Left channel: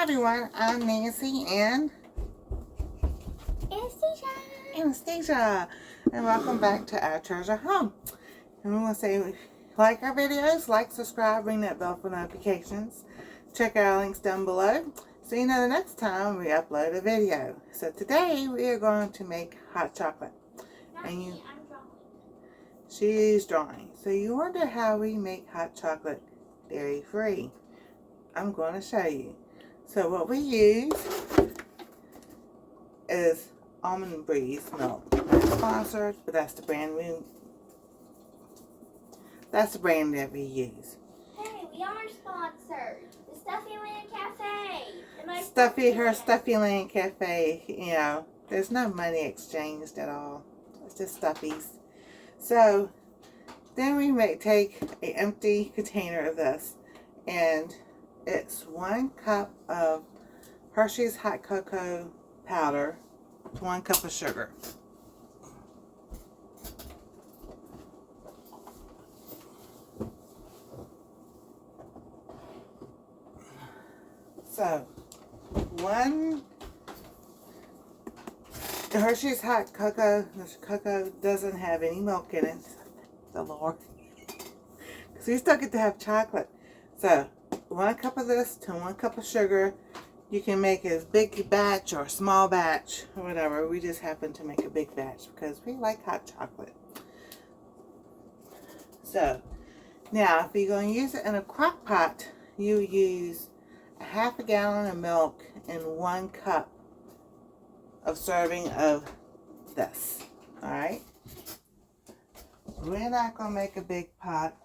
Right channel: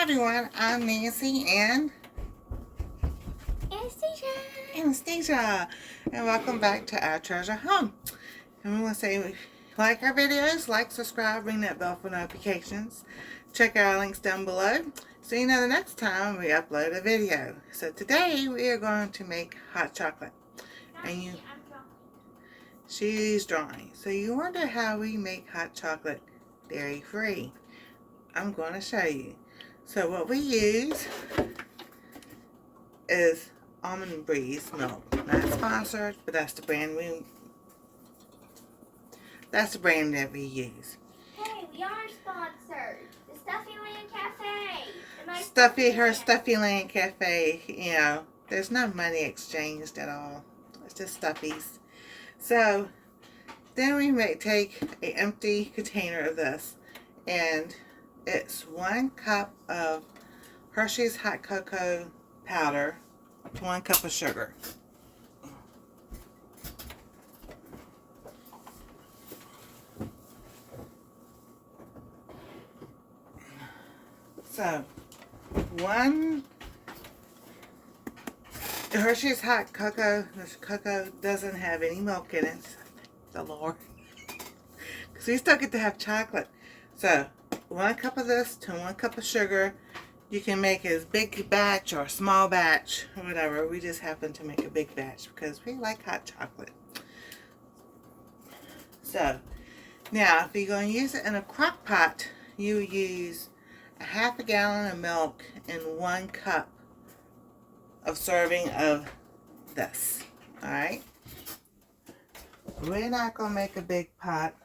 Hi everyone, I'm Nancy and Anastasia, and welcome back to our treasure home. And we want to say, if you like our videos, like, subscribe, ring that bell for notifications. Check our links down below so you know the next time we upload a video. So today we are going to make hot chocolate. And she's drawing. So you wonder how we make hot chocolate dairy free. I'm going to show you. So what we use is almond breeze milk. Not sponsored, but that's the brand that we use. Hey, we are sponsored. The Stuffy Land Cafe. Her Stuffy Land Cafe. You know, there's no money exchanged at all. It's just stuffies. So then we take an empty container of this, and it's 1 cup of Hersheys hot cocoa powder, 1 cup of sugar. So, the Hersheys hot cocoa, the cocoa doesn't have any milk in it. The Lord. Because we still get to have chocolate. So, 1 cup of this to 1 cup of sugar. You can make as big batch or small batch, or whatever. We just happen to make a big batch because we like hot chocolate. So, now if you're going to use it in a crock pot, you use a 1/2 gallon of milk and 1 cup of serving of this. Alright? We're not going to make a big pot.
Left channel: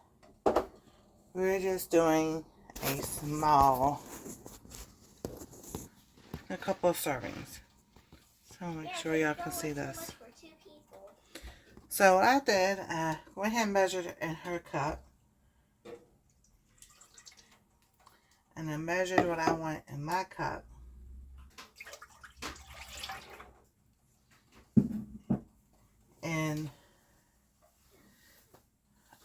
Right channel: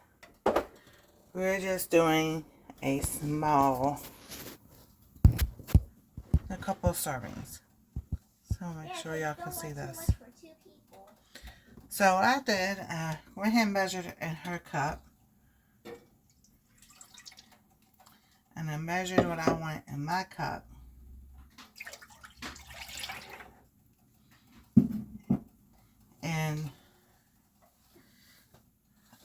We're just doing a small, a couple of servings. So make sure y'all can see this. So what I did, I went ahead and measured it in her cup. And I measured what I want in my cup. And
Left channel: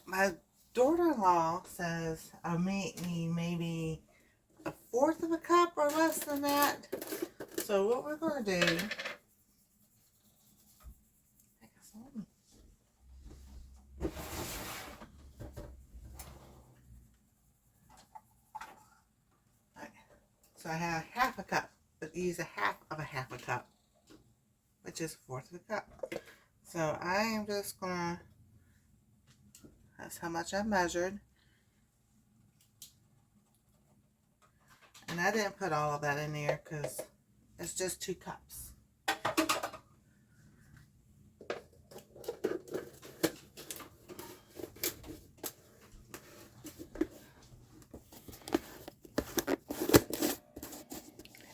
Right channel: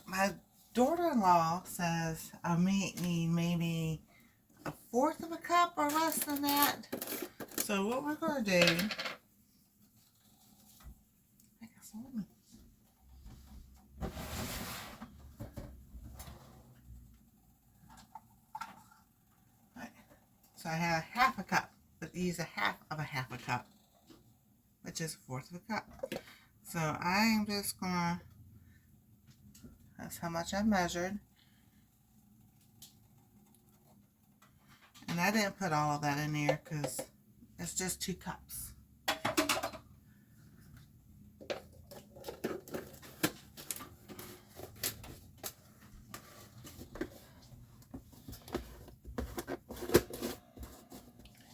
my daughter-in-law says I may need maybe 1/4 of a cup or less than that. So what we're going to do, so I have 1/2 a cup, but use a 1/2 of a 1/2 a cup, which is 1/4 of a cup. So I am just gonna, that's how much I measured. And I didn't put all of that in there because it's just 2 cups.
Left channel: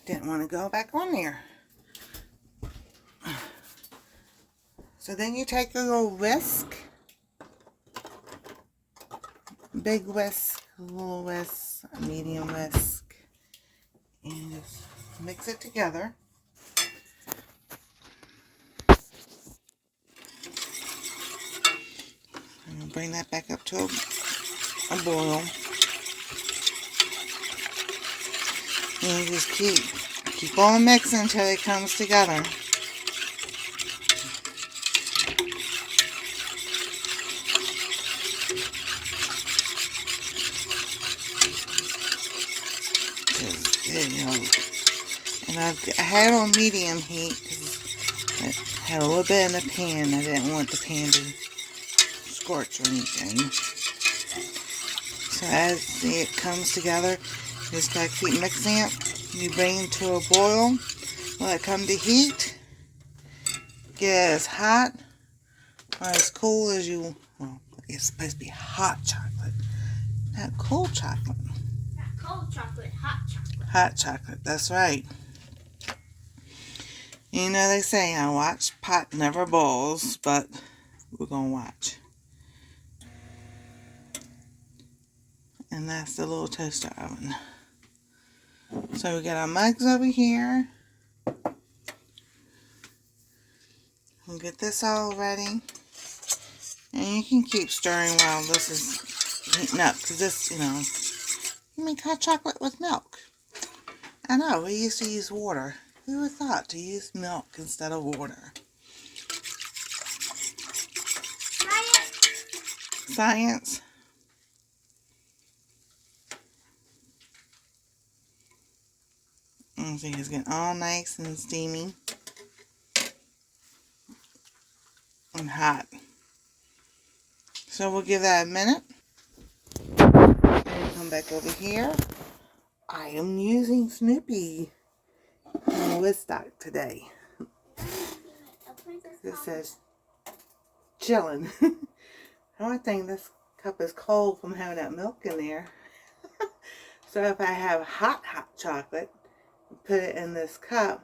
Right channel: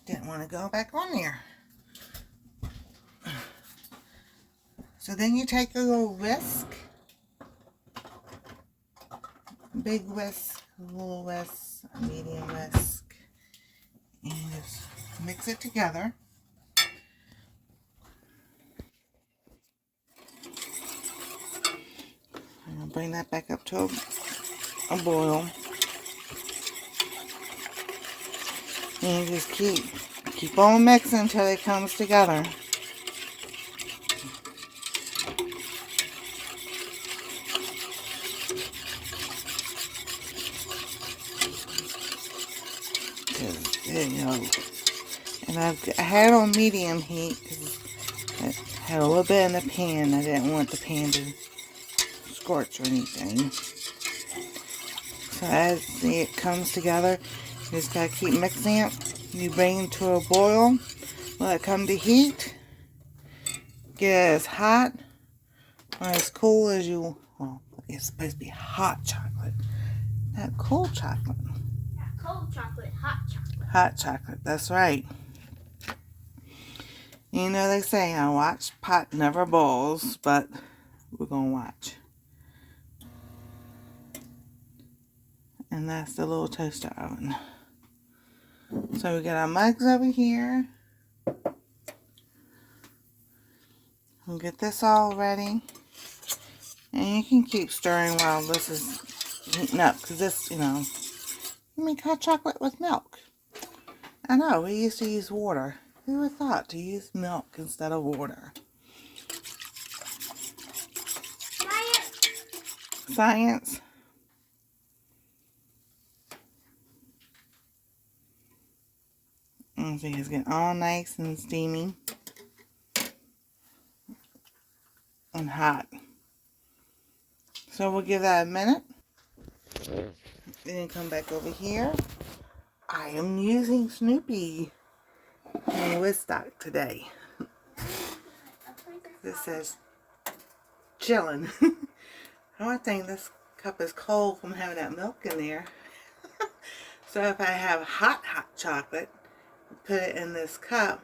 Didn't want to go back on there. So then you take a little whisk, big whisk, little whisk, medium whisk, and just mix it together. I'm going to bring that back up to a boil. And you just keep on mixing until it comes together. You know, and I had it on medium heat because I had a little bit in the pan. I didn't want the pan to scorch or anything. So as it comes together, you just gotta keep mixing it. You bring it to a boil. Let it come to heat. Get it as hot or as cool as you. Well, it's supposed to be hot chocolate, not cold chocolate. Not cold chocolate, hot chocolate. Hot chocolate, that's right. You know they say, I watch pot never boils, but we're gonna watch. And that's the little toaster oven. So we got our mugs over here. We'll get this all ready. And you can keep stirring while this is heating up. Because this, you know, you make hot chocolate with milk. I know, we used to use water. Who would have thought to use milk instead of water? Science. I think it's getting all nice and steamy and hot. So we'll give that a minute. Then come back over here. I am using Snoopy in Woodstock today. This says chillin'. I think this cup is cold from having that milk in there. So if I have hot chocolate, put it in this cup,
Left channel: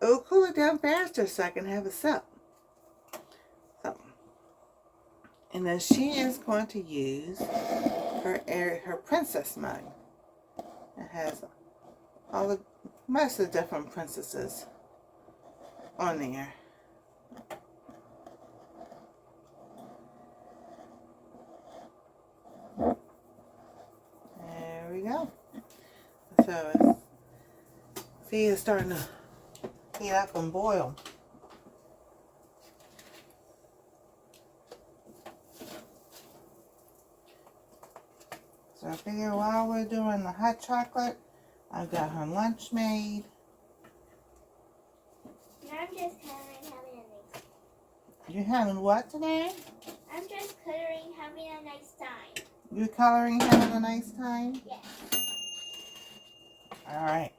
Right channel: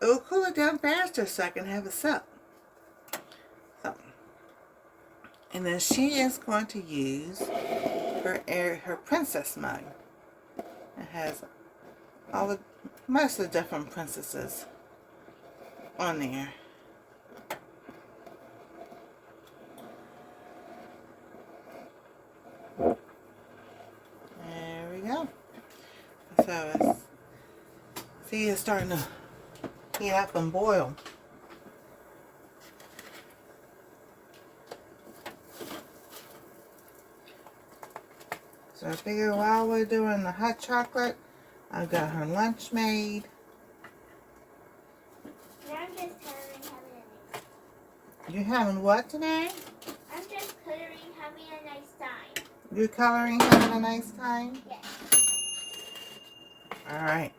it will cool it down faster so I can have a sip. So, and then she is going to use her princess mug. It has most of the different princesses on there. There we go. So see, it's starting to heat up and boil. So I figure while we're doing the hot chocolate, I've got her lunch made. I'm just having You having what today? I'm just coloring, having a nice time. You coloring, having a nice time? Yes. Alright.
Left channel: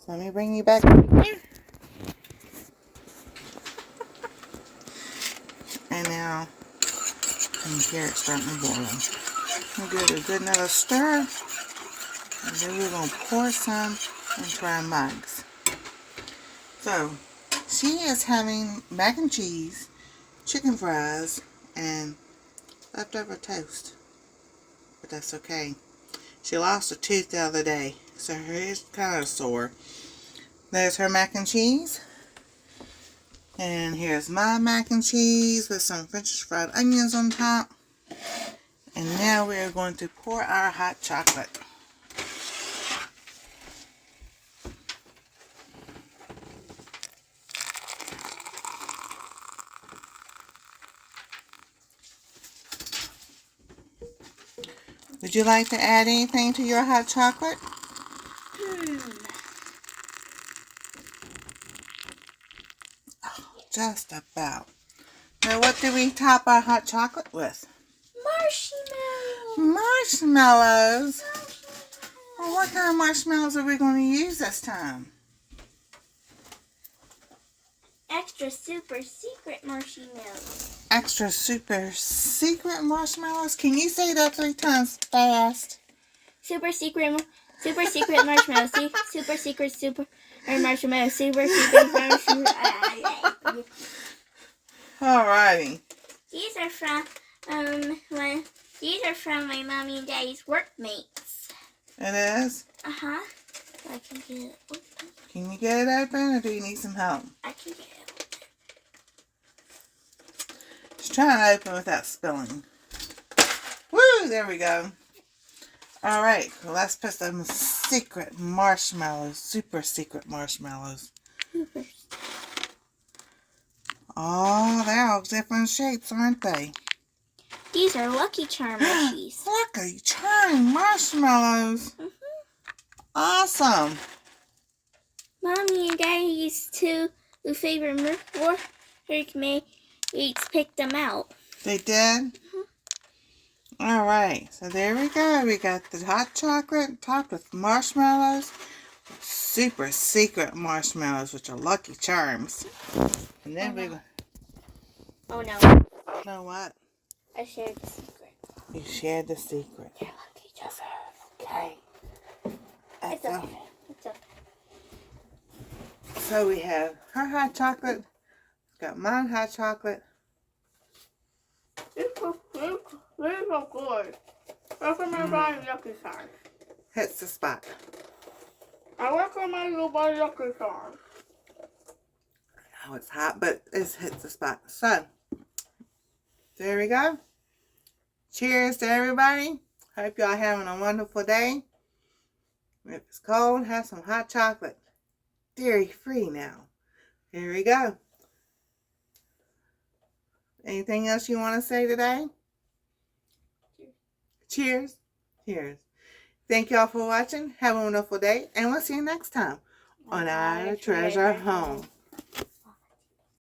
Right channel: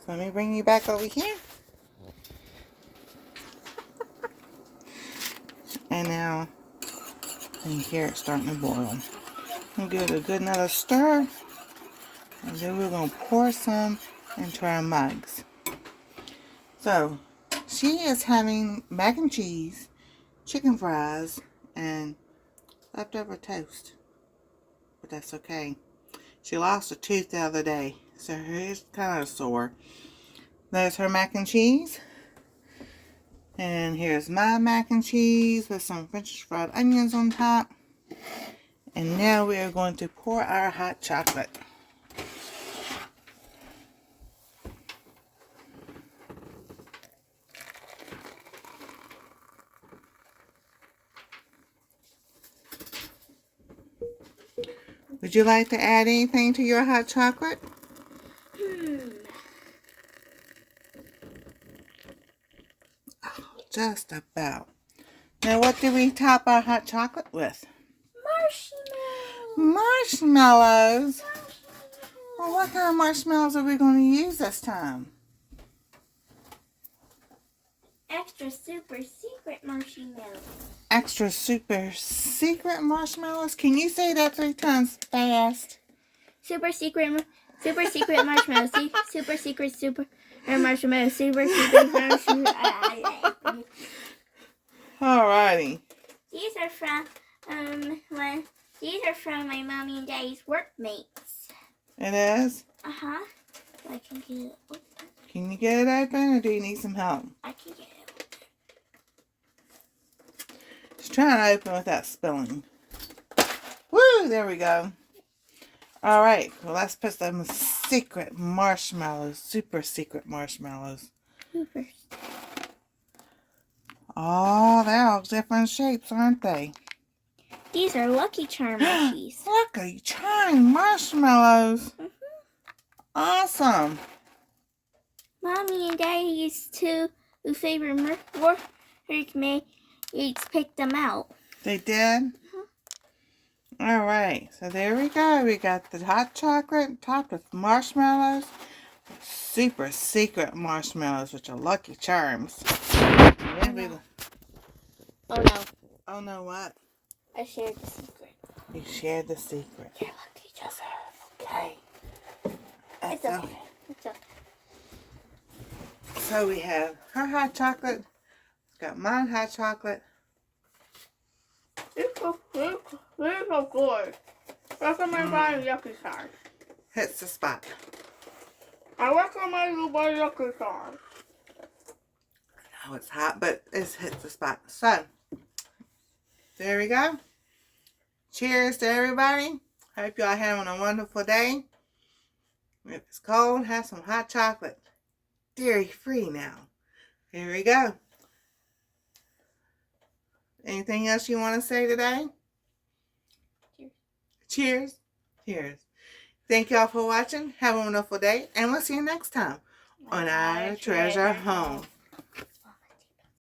So let me bring you back over here. And now, and here it's starting to boil. We'll give it a good another stir. And then we're going to pour some into our mugs. So, she is having mac and cheese, chicken fries, and leftover toast. But that's okay. She lost a tooth the other day, so her ear's kind of sore. There's her mac and cheese. And here's my mac and cheese with some French fried onions on top. And now we are going to pour our hot chocolate. Would you like to add anything to your hot chocolate? Oh, just about. Now what do we top our hot chocolate with? Marshmallows. Well, what kind of marshmallows are we going to use this time? Extra super secret marshmallows. Extra super secret marshmallows? Can you say that 3 times fast? Super secret marshmallows. Super secret marshmallows. Super secret marshmallows. Alrighty. These are from my mommy and daddy's workmates. It is? Uh-huh. I can get it open. Can you get it open or do you need some help? I can get it open. Just trying to open without spilling. Woo! There we go. Alright, well, let's put some secret marshmallows. Super secret marshmallows. Super. Oh, they're all different shapes, aren't they? These are Lucky Charm mushies. Lucky Charm marshmallows. Awesome. Mommy and Daddy's two favorite workmates picked them out. They did? Alright, so there we go. We got the hot chocolate topped with marshmallows. Super secret marshmallows, which are Lucky Charms. And then Oh no. Oh no, what? I shared the secret. You shared the secret. You're lucky, Joseph. Okay. It's okay. It's okay. So we have her hot chocolate. Got mine hot chocolate. It's so good. Recommend buying Lucky Charms. Hits the spot. I recommend you buy Lucky Charms. Oh, it's hot, but it hits the spot. So, there we go. Cheers to everybody. Hope y'all having a wonderful day. If it's cold, have some hot chocolate. Dairy-free now. Here we go. Anything else you want to say today? Cheers. Cheers. Thank y'all for watching. Have a wonderful day. And we'll see you next time on Our Treasure Home.